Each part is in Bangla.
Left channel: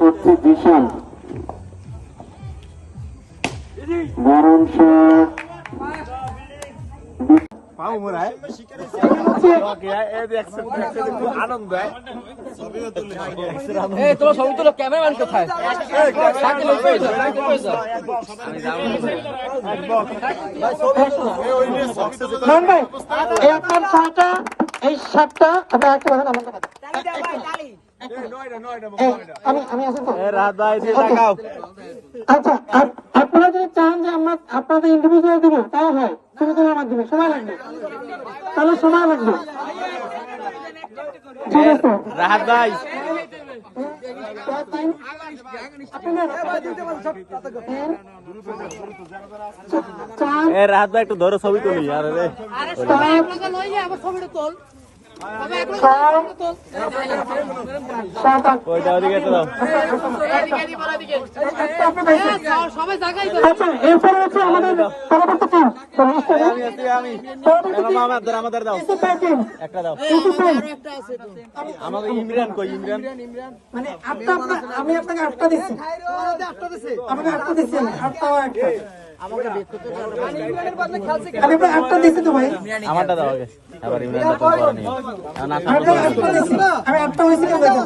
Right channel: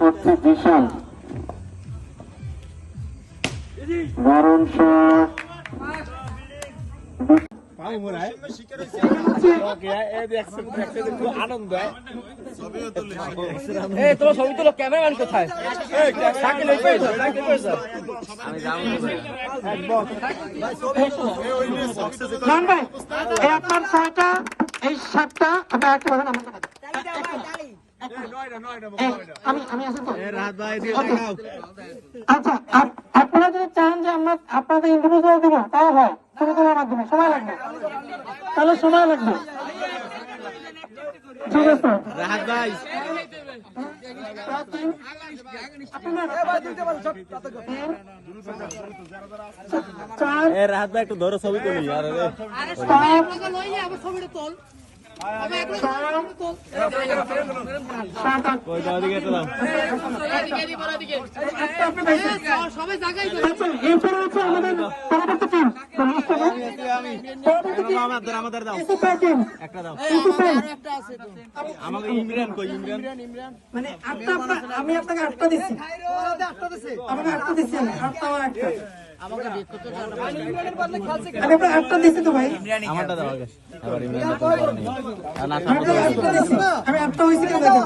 চলছে বিশাল এই আপনার ছয়টা এই সাতটা আপনি একটা বাজান আমার কাছে। এই, আমি আমি আছি তো। রাত ভাই Okay. আচ্ছা আপনারা যদি চান যে আমরা আপনাদের ইন্ডিভিজুয়াল দিব তা হয়। মাধ্যমে সময় লাগবে। তাহলে সময় লাগবে। রাত ভাই রাত ভাই একটু ধরো ছবি তুলি আচ্ছা এরপরে হচ্ছে আমাদের পরবর্তী টিম আমি আমাদের আমাদের দাও। একটা দাও। আমাকে ইমরান কই ইমরান? মানে আটটা আমি আপনাকে আটটা দিচ্ছি। আপনাকে আটটা দিচ্ছি আটটা একটা আটটা দিচ্ছি তো ভাই। আমারটা দাও আগে। আমি আপনাকে দিচ্ছি আমি আটটা হয়েছে কেন? দেখেন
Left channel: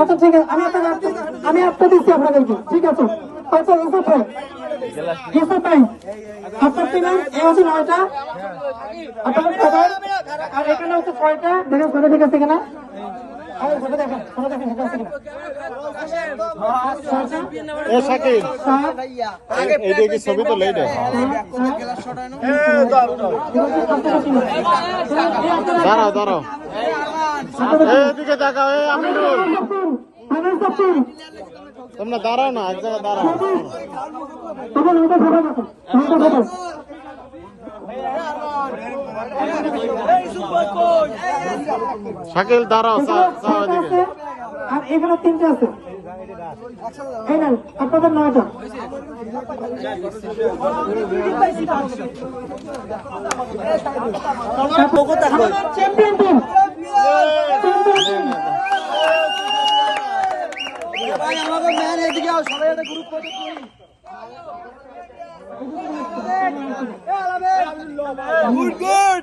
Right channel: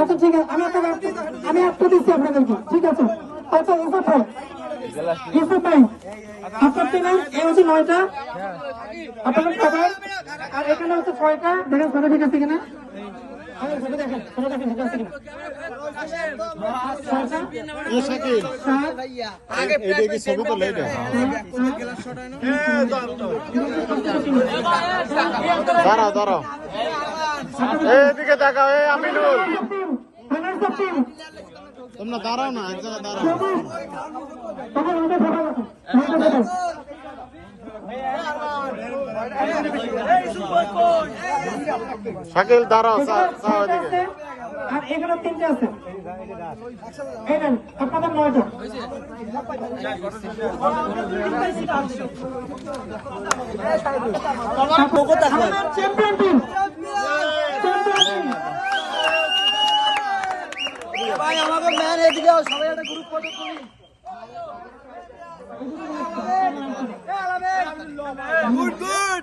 আচ্ছা ঠিক আছে আমি আপনাকে আটটা আমি আটটা দিচ্ছি আপনাদেরকে। ঠিক আছে? আচ্ছা ইউসুফ ভাই। ইউসুফ ভাই। আপনার টিমে এ হচ্ছে নয়টা। আপনার আর এখানে হচ্ছে ছয়টা। দেখেন ছয়টা ঠিক আছে কিনা? তোমরা দাঁড়াও না এক জায়গায় দাঁড়াও শাকিল দাঁড়াও এখানে ছয়টা আছে আর এখানে তিনটা আছে। এই নেন আপনাদের নয়টা। চ্যাম্পিয়ন টিম ভাই আমাকে ম্যান এদিকে সবাই একটা গ্রুপ ফটো তুলি গুড গুড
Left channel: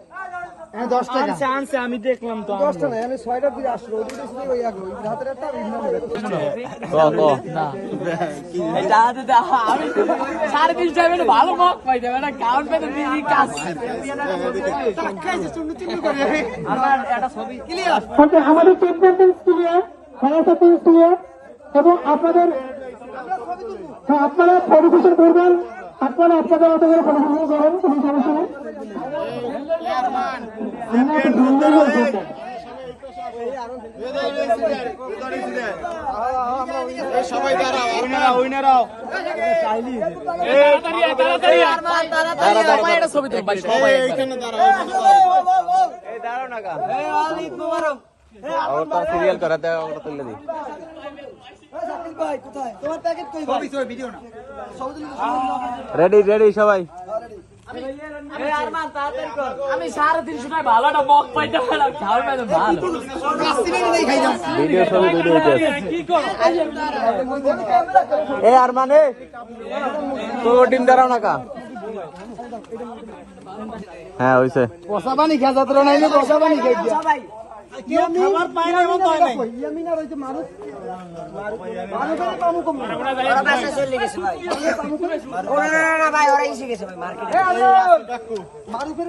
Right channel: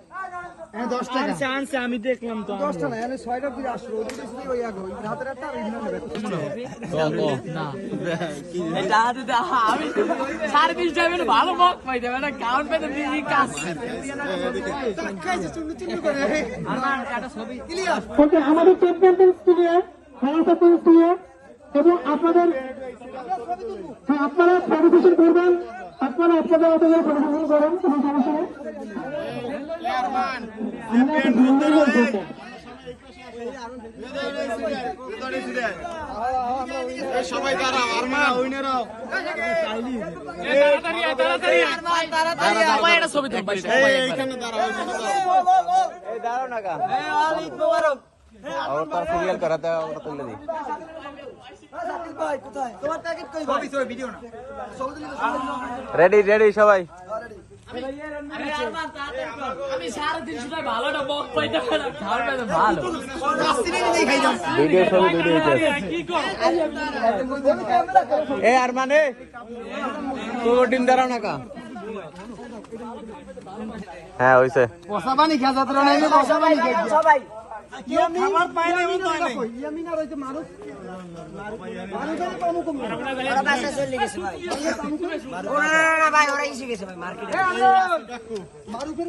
আনছে আমি দেখলাম তো আমি ছয়টার দিকে আসলো ওই দিকে ওই আগে ওই রাতের একটা আর ইন্দ্রা এটা হাতে আমি সাড়ে তিন টাইমে ভালো মক পাই দেবে না কাউন্ট পেতে দিদি কাজ। আমার একটা ছবি ওকে আমাদের চ্যাম্পিয়ন ক্লিয়ার ফায়ার ক্লিয়ার এবং আপনাদের হ্যাঁ আপনারা পরিবেশন করবেন। আপনারা আপনাদের মতো করে পরিবেশন করেন কোনো সমস্যা নেই। সবাই দাঁড়াও উইনারাও ছবি সিরিয়াল করাতে তোমার প্যাকেট কই ভাই? রেডি রেডি সবাই। আমি সাড়ে তিনশো টাকা ভালো একটা পাইতে পারলাম কাউন্ট পেতে ভালো। এ আর মানে পুরো টিম দাঁড়াও না কা। হ্যাঁ হইছে। বসা পানি খেয়ে যাত্র নাই বসা পানি খেয়ে সবাই। খাবার পাই না এমন তো হয় নাই। ইয়ামিনা রইছে মানুষ মানুষের কম কম ওরা বাসা চলে গেছে ভাই। ওরা না না ভাই ওরা এসে গেছে ভাই মার্কেটে মানুষের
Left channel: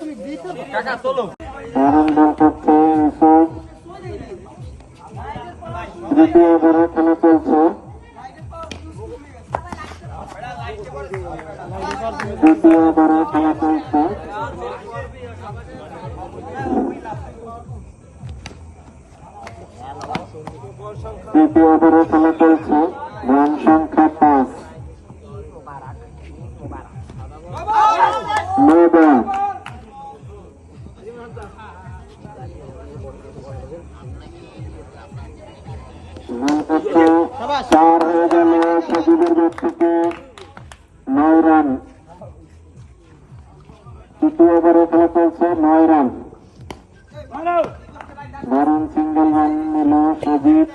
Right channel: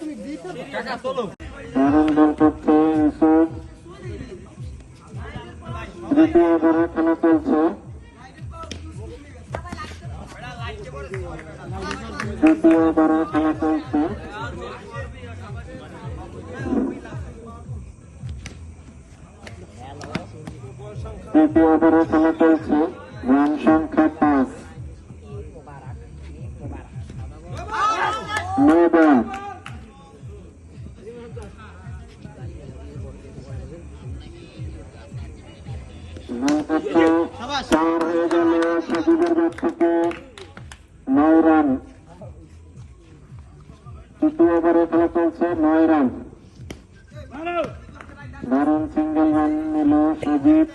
তুমি দিতে দারুণ বল করছে দ্বিতীয় ওভারে খেলা চলছে তৃতীয় ওভারে খেলা চলছে তৃতীয় ওভারে খেলা চলছে রান সংখ্যা পাঁচ। নো বল চার হয়ে গেল সজীবের ব্যাট থেকে নয় রান। তৃতীয় ওভারে খেলা চলছে নয় রান। দারুণ সিঙ্গেল রান নিল সজীব